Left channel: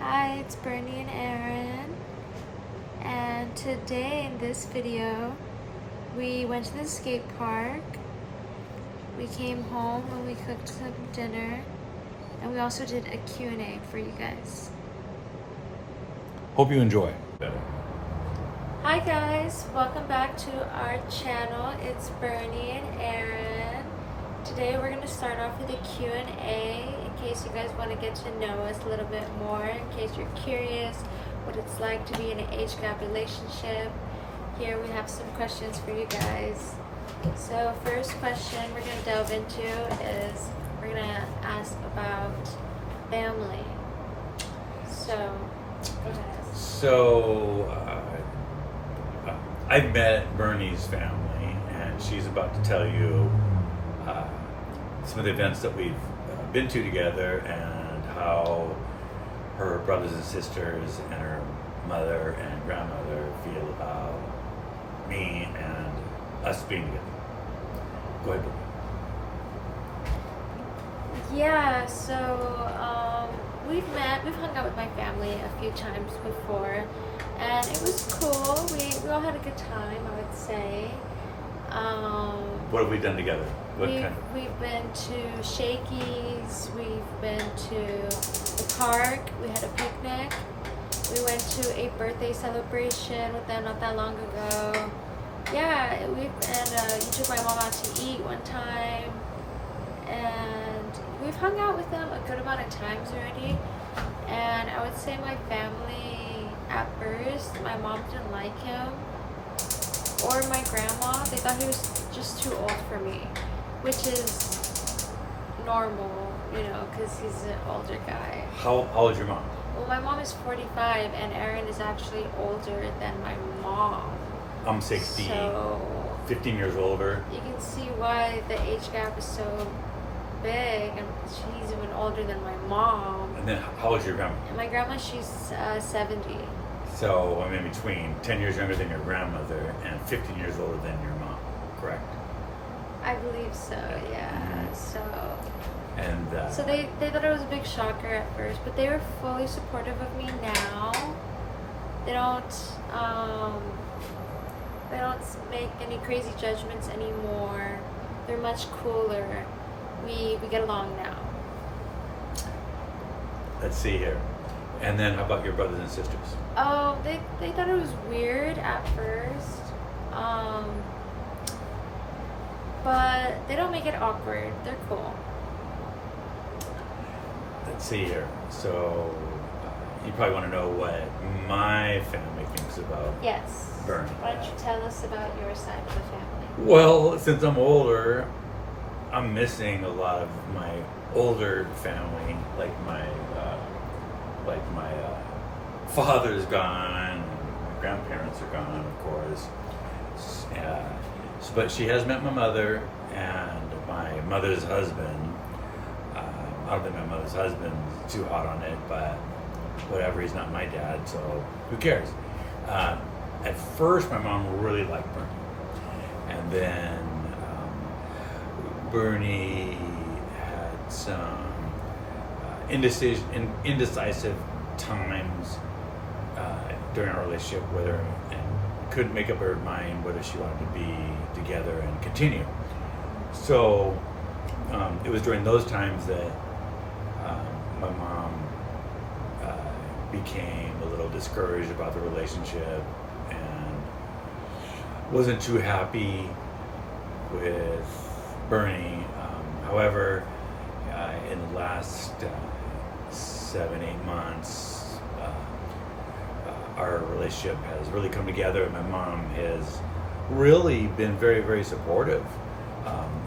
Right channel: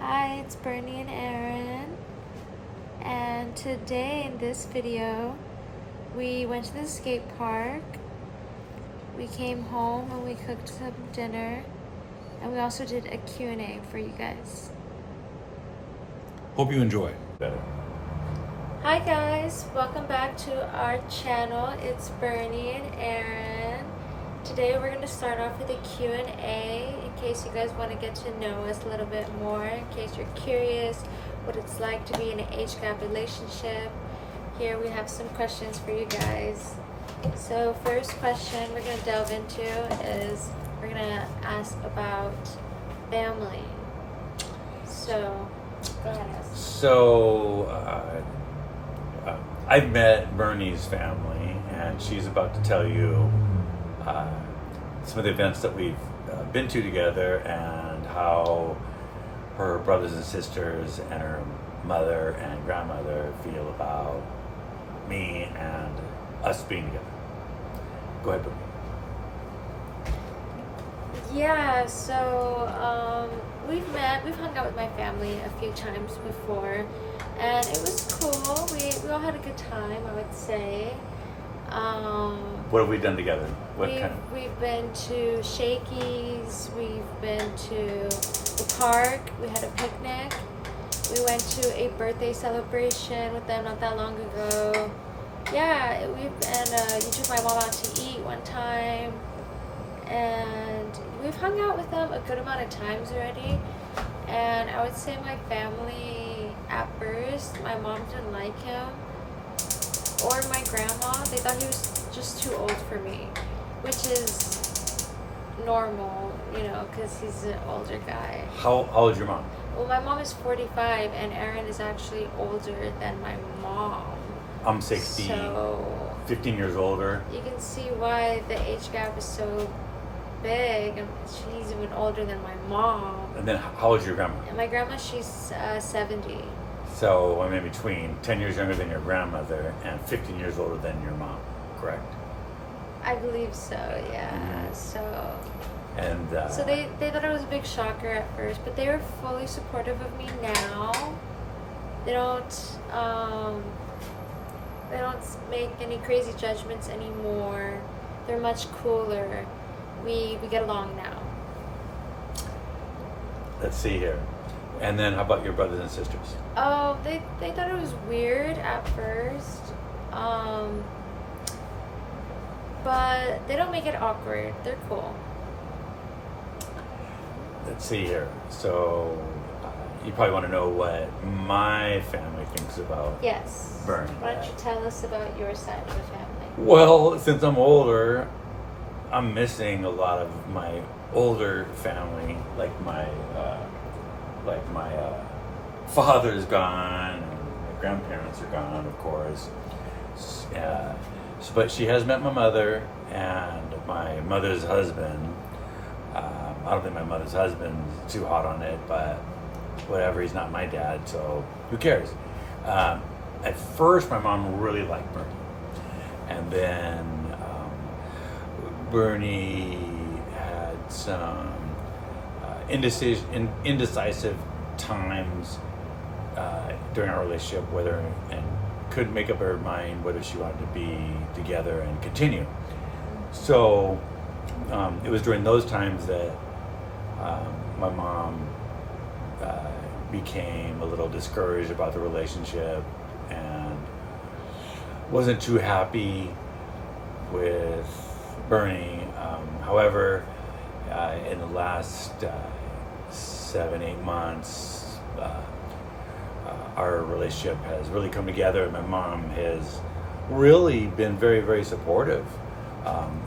Hi, it's Bernie and Aaron, and today in this video we went to the skate park, we came home and we cooked some dinner, and we also did a Q&A for you guys. Hope you enjoy. Hi guys, welcome back to our channel. It's Bernie and Aaron. Today we're going to start off with a Q&A in case you guys want to get to know us a little bit more, in case you're curious what it's like to be in an age gap relationship. Here we have some questions for you guys. So first question we're going to delve into is we're going to ask about family. So go ahead. So, I've met Bernie's family, and she's about to tell you some of the events that we've been to together and how her brothers and sisters and her mother and grandmother feel about me and us being together. Go ahead, Bernie. Yeah, so we've hung out with my family a few times before, and it was cool. We all had a good time, I would say. What have we done together? We've been to Shakey's, we've been to the park, we had a picnic, we went to a birthday celebration with them not that long ago. Yeah, you took my mom out to eat one time, and we've hung out with them a good amount of times already. And I would say my family, at first, my mom didn't like him, or my grandma. They thought he was just too old for me, which is normal, because he's an older guy. How old is your mom? Well, my mom is 45, and Aaron is actually older than my mom. I'm 60, so 15 years older. You can see why the age gap is so big, and she's even older than my mom. And then how old is your grandma? And my grandma, she's 70. So I'm in between 10 years younger than your grandmother and 15 years older than your mom, correct? I believe so, yeah. Mm-hmm. So they thought it was a big shocker at first, but they were fully supportive of me now. They don't make any crazy judgments anymore. They're much cooler. We get along now. Let's see here. And then how about your brothers and sisters? Oh, they thought it was weird at first. But they don't make it awkward. They're cool. Let's see here. So you probably want to know what my family thinks about Yes. Bernie. Why don't you tell us about your side of the family? Well, since I'm older, I'm missing a lot of my older family, like my father's gone, and my grandparents are gone, of course. But she has met my mother and my mother's husband. I don't think my mother's husband's too hot on it, but whatever, he's not my dad, so who cares? At first, my mom really liked Bernie. And then Bernie had some indecisive times during our relationship, and couldn't make up her mind whether she wanted to be together and continue. So it was during those times that my mom became a little discouraged about the relationship and wasn't too happy with Bernie. However, in the last 7-8 months, our relationship has really come together, and my mom has really been very, very supportive.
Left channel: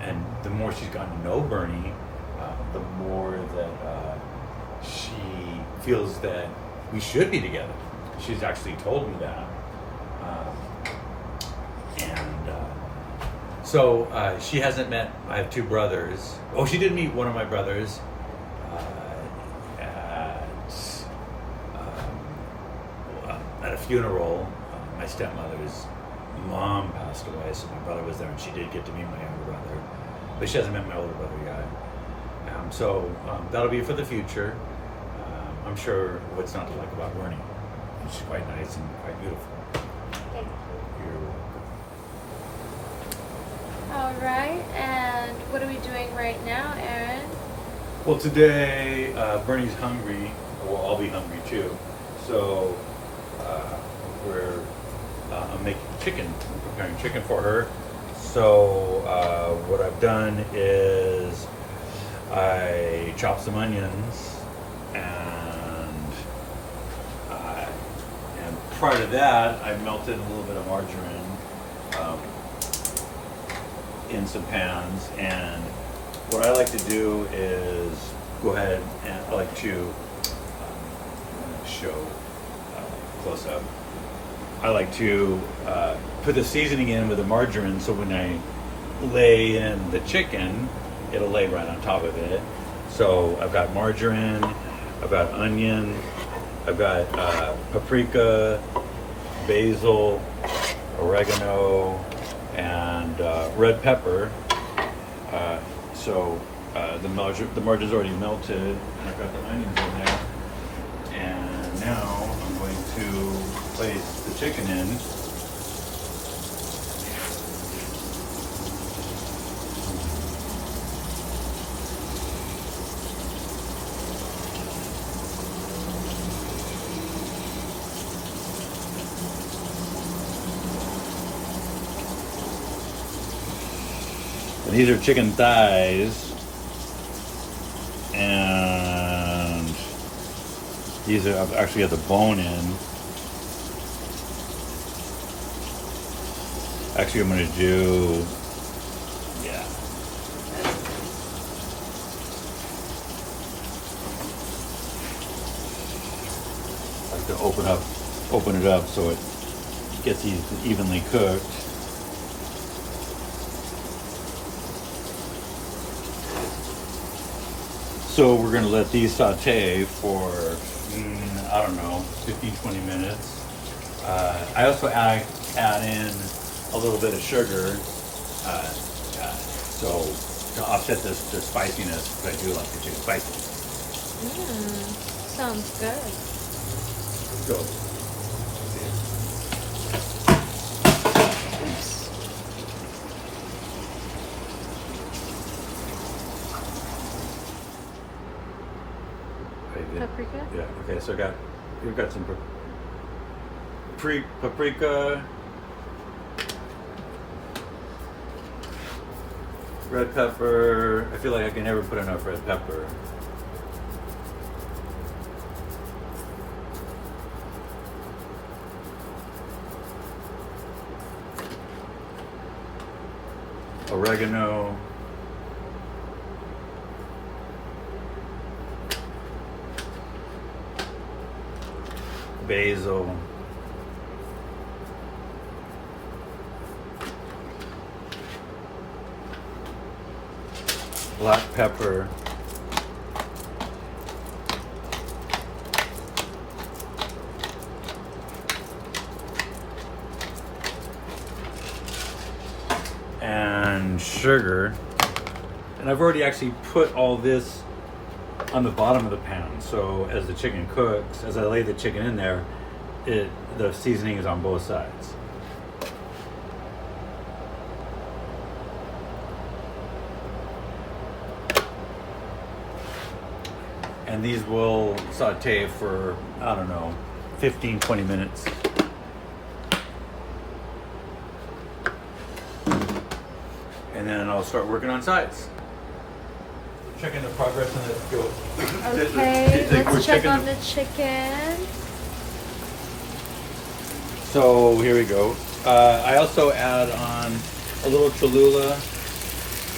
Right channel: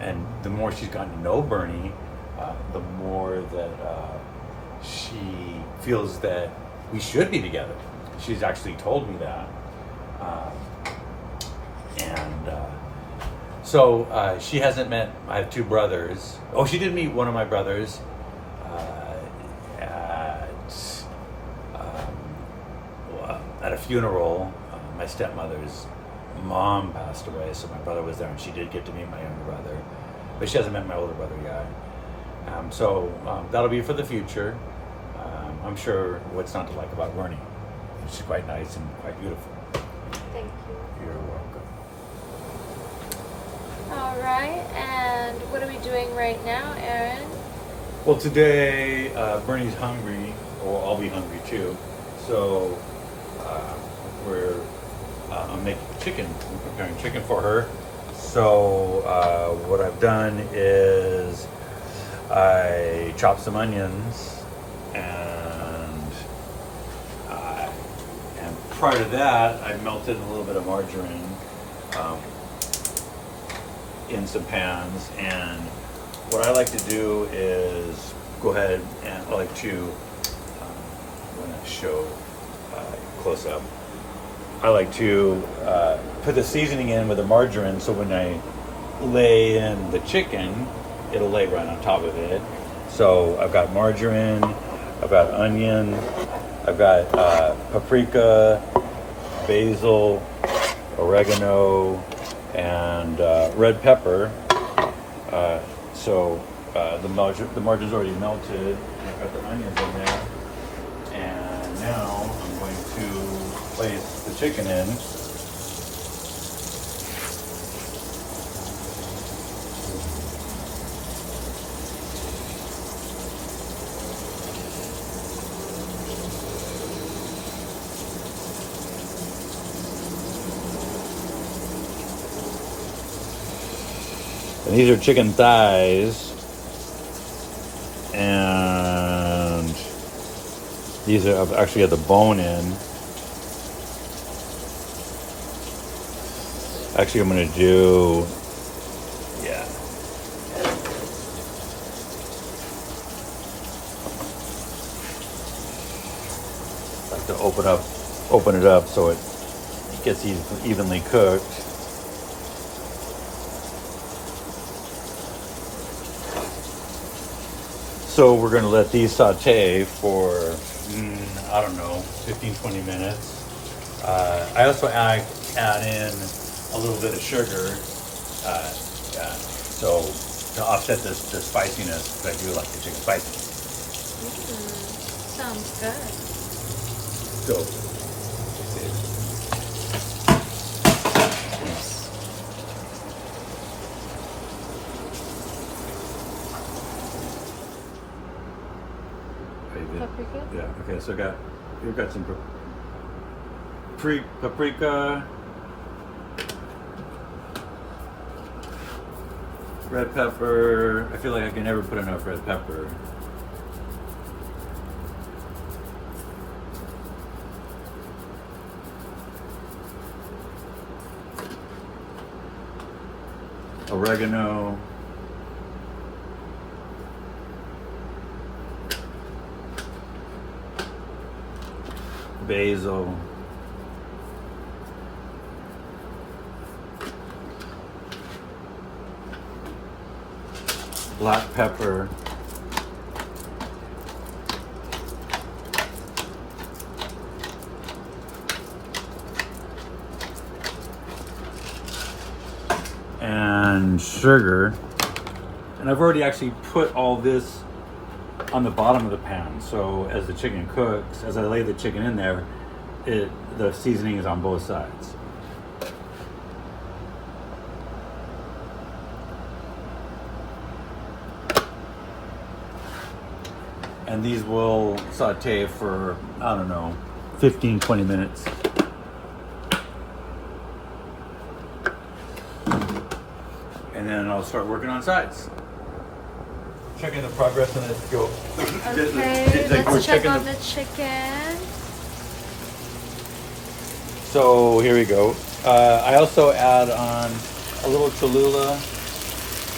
And the more she's gotten to know Bernie, the more that she feels that we should be together. She's actually told me that. So she hasn't met, I have 2 brothers. Oh, she did meet one of my brothers at a funeral. My stepmother's mom passed away, so my brother was there, and she did get to meet my younger brother. But she hasn't met my older brother yet. So that'll be for the future. I'm sure what's not to like about Bernie. She's quite nice and quite beautiful. Thank you. You're welcome. All right, and what are we doing right now, Aaron? Well, today Bernie's hungry, or I'll be hungry too. So I'm making chicken. I'm preparing chicken for her. So what I've done is I chopped some onions, and prior to that, I melted a little bit of margarine in some pans. And what I like to do is go ahead and I like to show close up. I like to put the seasoning in with the margarine, so when I lay in the chicken, it'll lay right on top of it. So I've got margarine, I've got onion, I've got paprika, basil, oregano, and red pepper. The margarine's already melted. I've got the onions in there, and now I'm going to place the chicken in. And these are chicken thighs, and these are actually have the bone in. Actually, I'm going to do, yeah. I have to open it up so it gets evenly cooked. So we're going to let these saute for, I don't know, 15-20 minutes. I also add in a little bit of sugar, so to offset the spiciness, because I do like to take spicy. Sounds good. So, Paprika? yeah. Okay. So you've got some paprika, red pepper. I feel like I can never put enough red pepper. Oregano. Basil. Black pepper. And sugar. And I've already actually put all this on the bottom of the pan, so as the chicken cooks, as I lay the chicken in there, the seasoning is on both sides. And these will saute for, I don't know, 15-20 minutes. And then I'll start working on sides. Checking the progress and let's go. Okay, let's check on the chicken. So here we go. I also add on a little Cholula,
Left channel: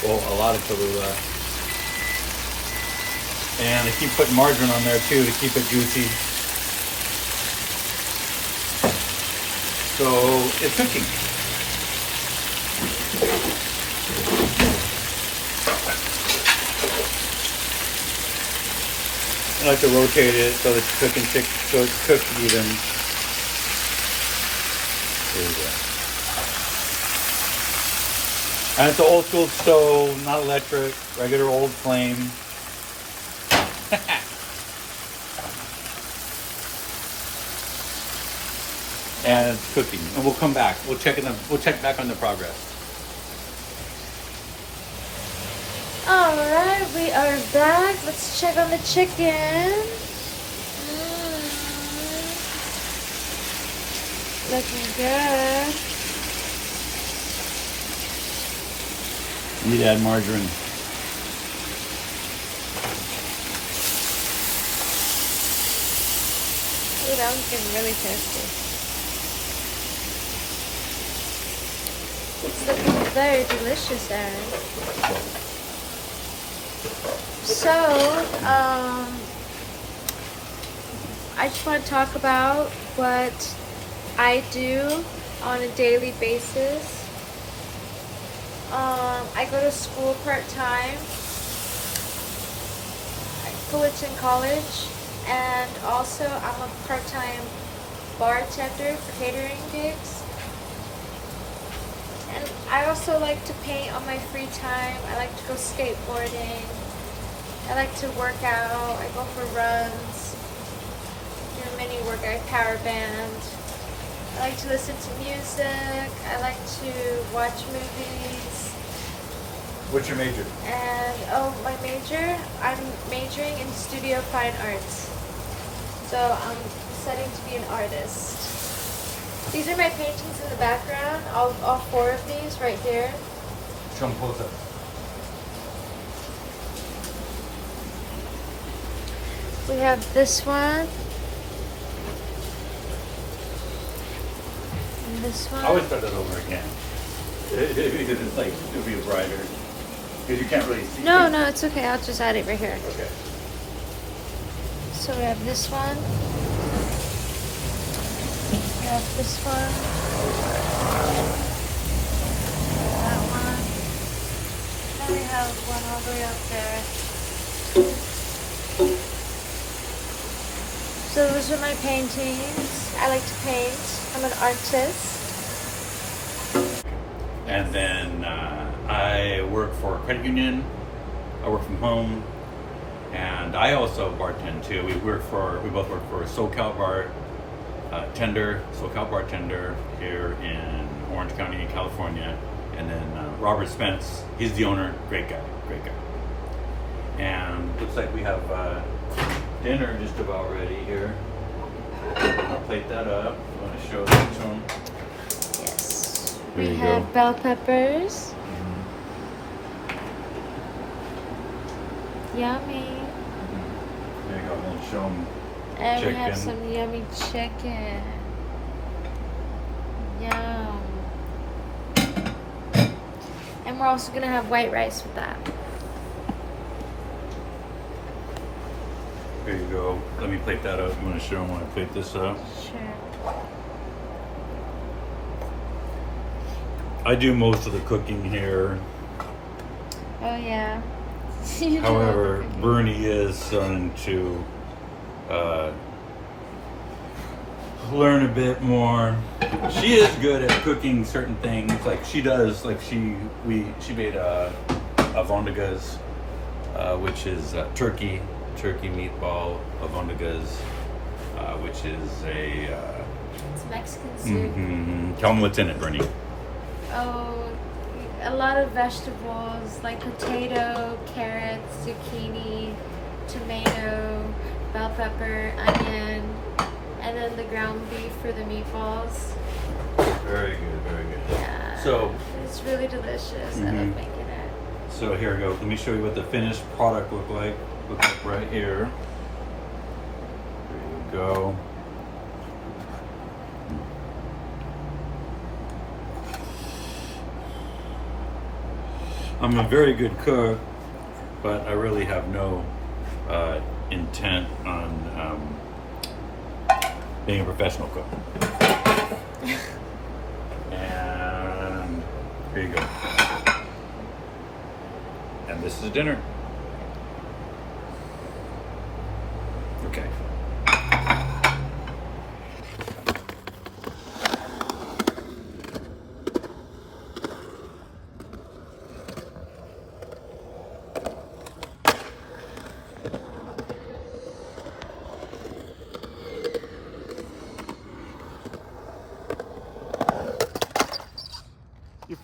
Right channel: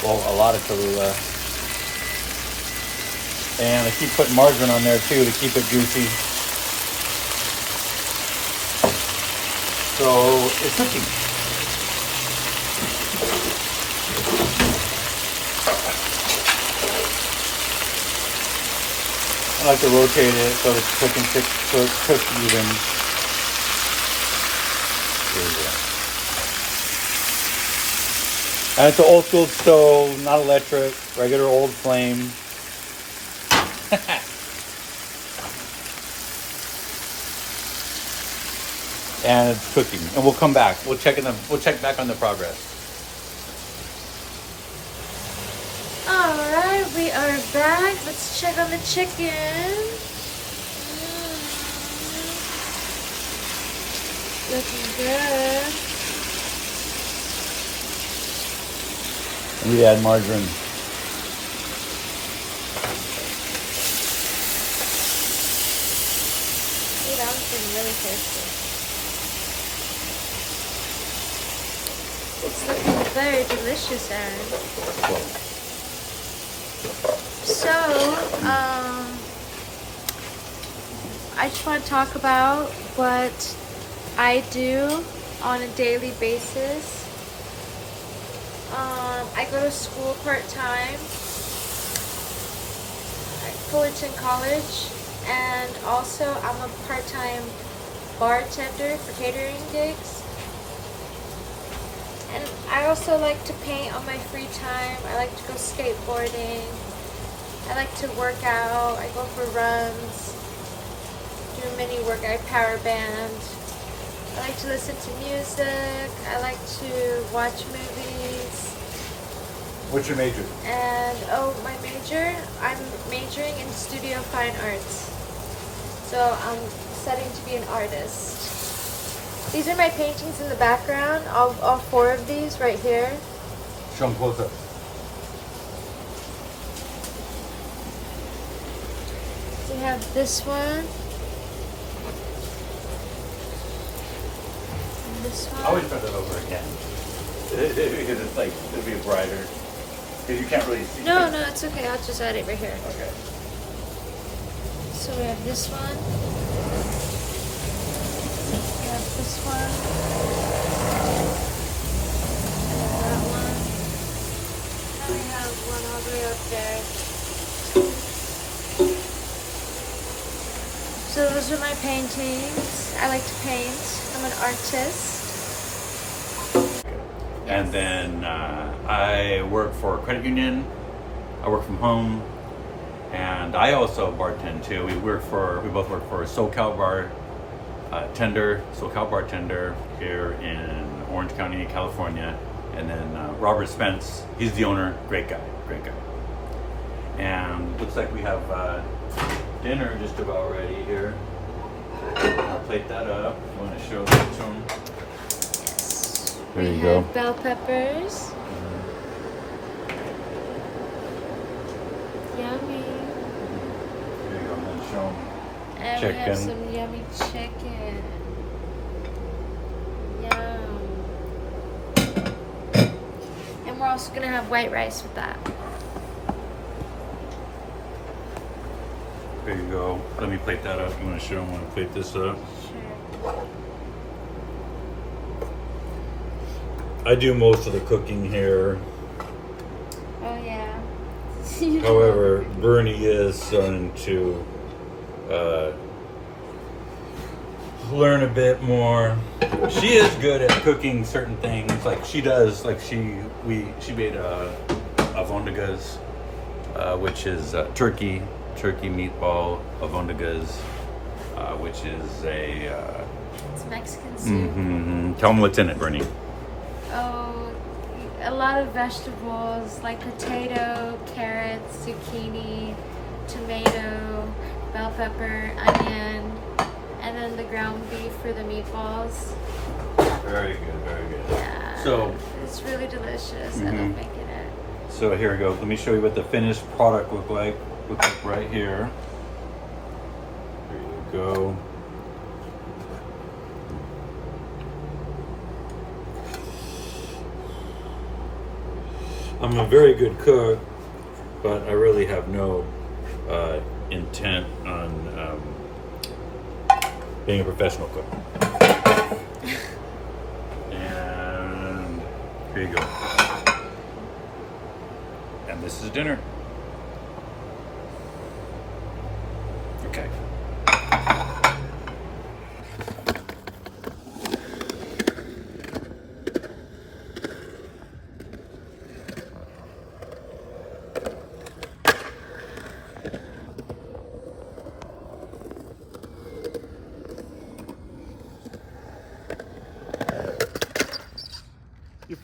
well, a lot of Cholula. And I keep putting margarine on there too to keep it juicy. So it's cooking. I like to rotate it so it's cooking cooked even. There we go. And it's an old school stove, not electric, regular old flame. and it's cooking. And we'll come back. We'll check back on the progress. All right, we are back. Let's check on the chicken. Looking good. We add margarine. Dude, I'm getting really thirsty. It's looking very delicious, Aaron. So, I just want to talk about what I do on a daily basis. I go to school part-time at Fullerton College, and also I'm a part-time bartender for catering gigs. And I also like to paint on my free time. I like to go skateboarding. I like to work out. I go for runs, do a mini workout, power band. I like to listen to music. I like to watch movies. What's your major? And my major, I'm majoring in studio fine arts. So I'm studying to be an artist. These are my paintings in the background, all 4 of these right here. Show them close up. We have this one. And this one. I always start that over again. Because it's like, it'll be brighter. Because you can't really see. No, it's okay. I'll just add it right here. Okay. So we have this one. We have this one. That one. We have one all the way up there. So those are my paintings. I like to paint. I'm an artist. And then I work for a credit union. I work from home, and I also bartend too. We both work for SoCal bartender here in Orange County, California. And then Robert Spence, he's the owner. Great guy. And looks like we have dinner just about ready here. I'll plate that up. You want to show that to him? There you go. Bell peppers. Yummy. There you go. Let's show him And chicken. we have some yummy chicken. Yum. And we're also gonna have white rice with that. There you go. Let me plate that up. You want to show them when I plate this up? Sure. I do most of the cooking here. Oh yeah. However, Bernie is starting to learn a bit more. She is good at cooking certain things. Like she does. Like she made avondigas, which is turkey meatball avondigas, which is It's Mexican soup. Tell them what's in it, Bernie. Oh, a lot of vegetables like potato, carrots, zucchini, tomato, bell pepper, onion, and then the ground beef for the meatballs. Very good. Yeah. So it's really delicious. I love making it. So here we go. Let me show you what the finished product look like right here. There you go. I'm a very good cook, but I really have no intent on being a professional cook. And here you go. And this is dinner. Okay.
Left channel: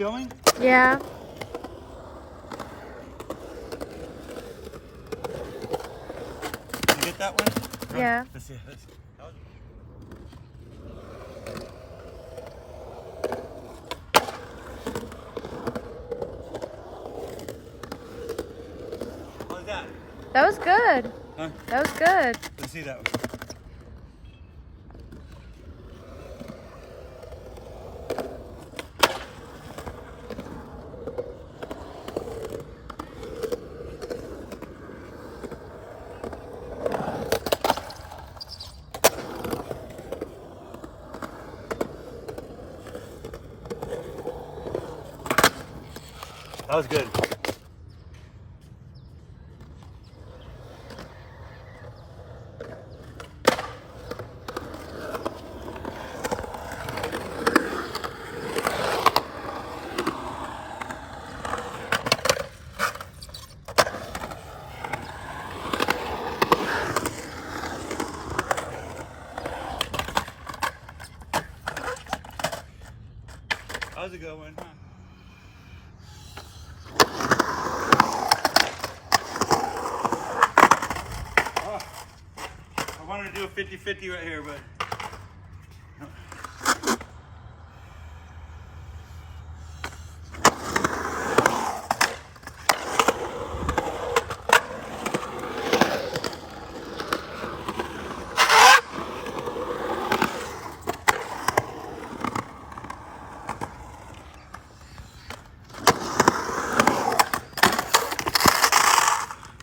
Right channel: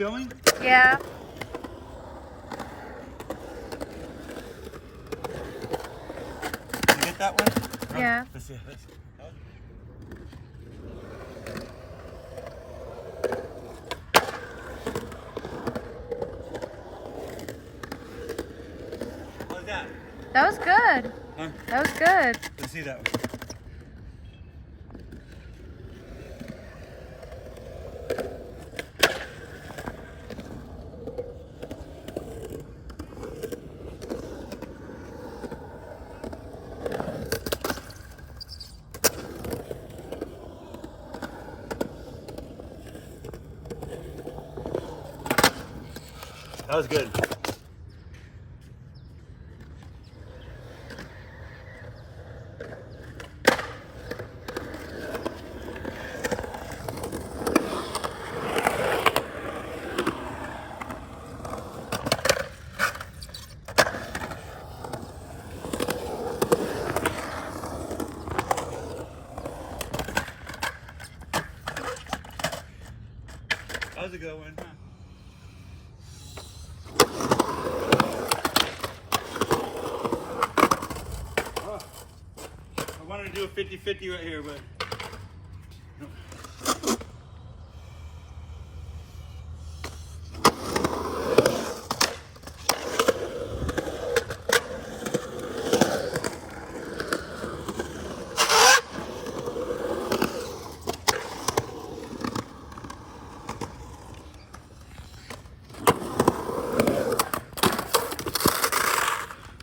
filming? Yeah. Did you get that one? Yeah. Let's see. Let's see. What was that? That was good. Huh? That was good. Let's see that one. That was good. That was a good one, huh? I wanted to do a 50-50 right here, but no.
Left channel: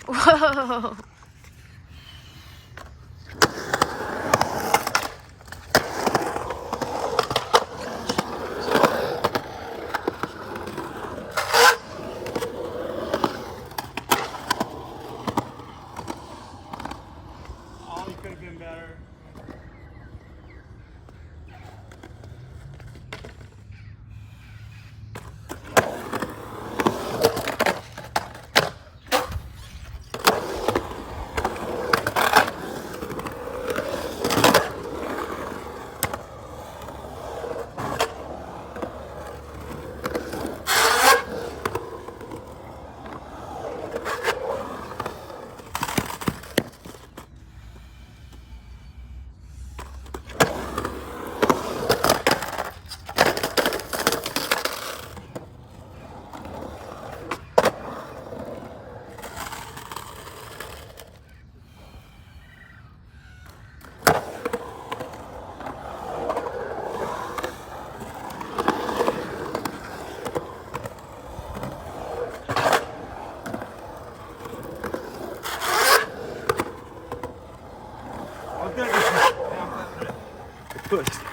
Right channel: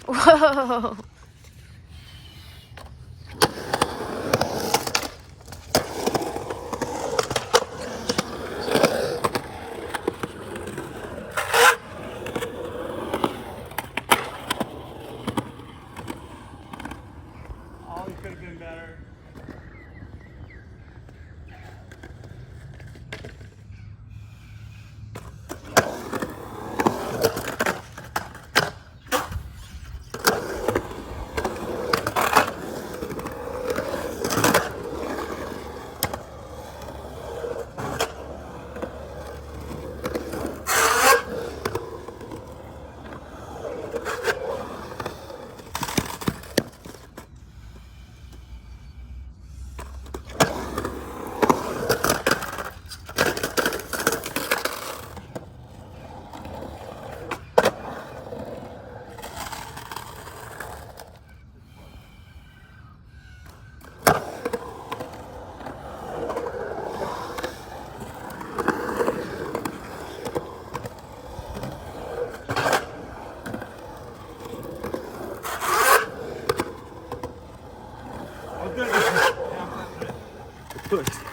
Whoa. Oh, you could have been better. Good.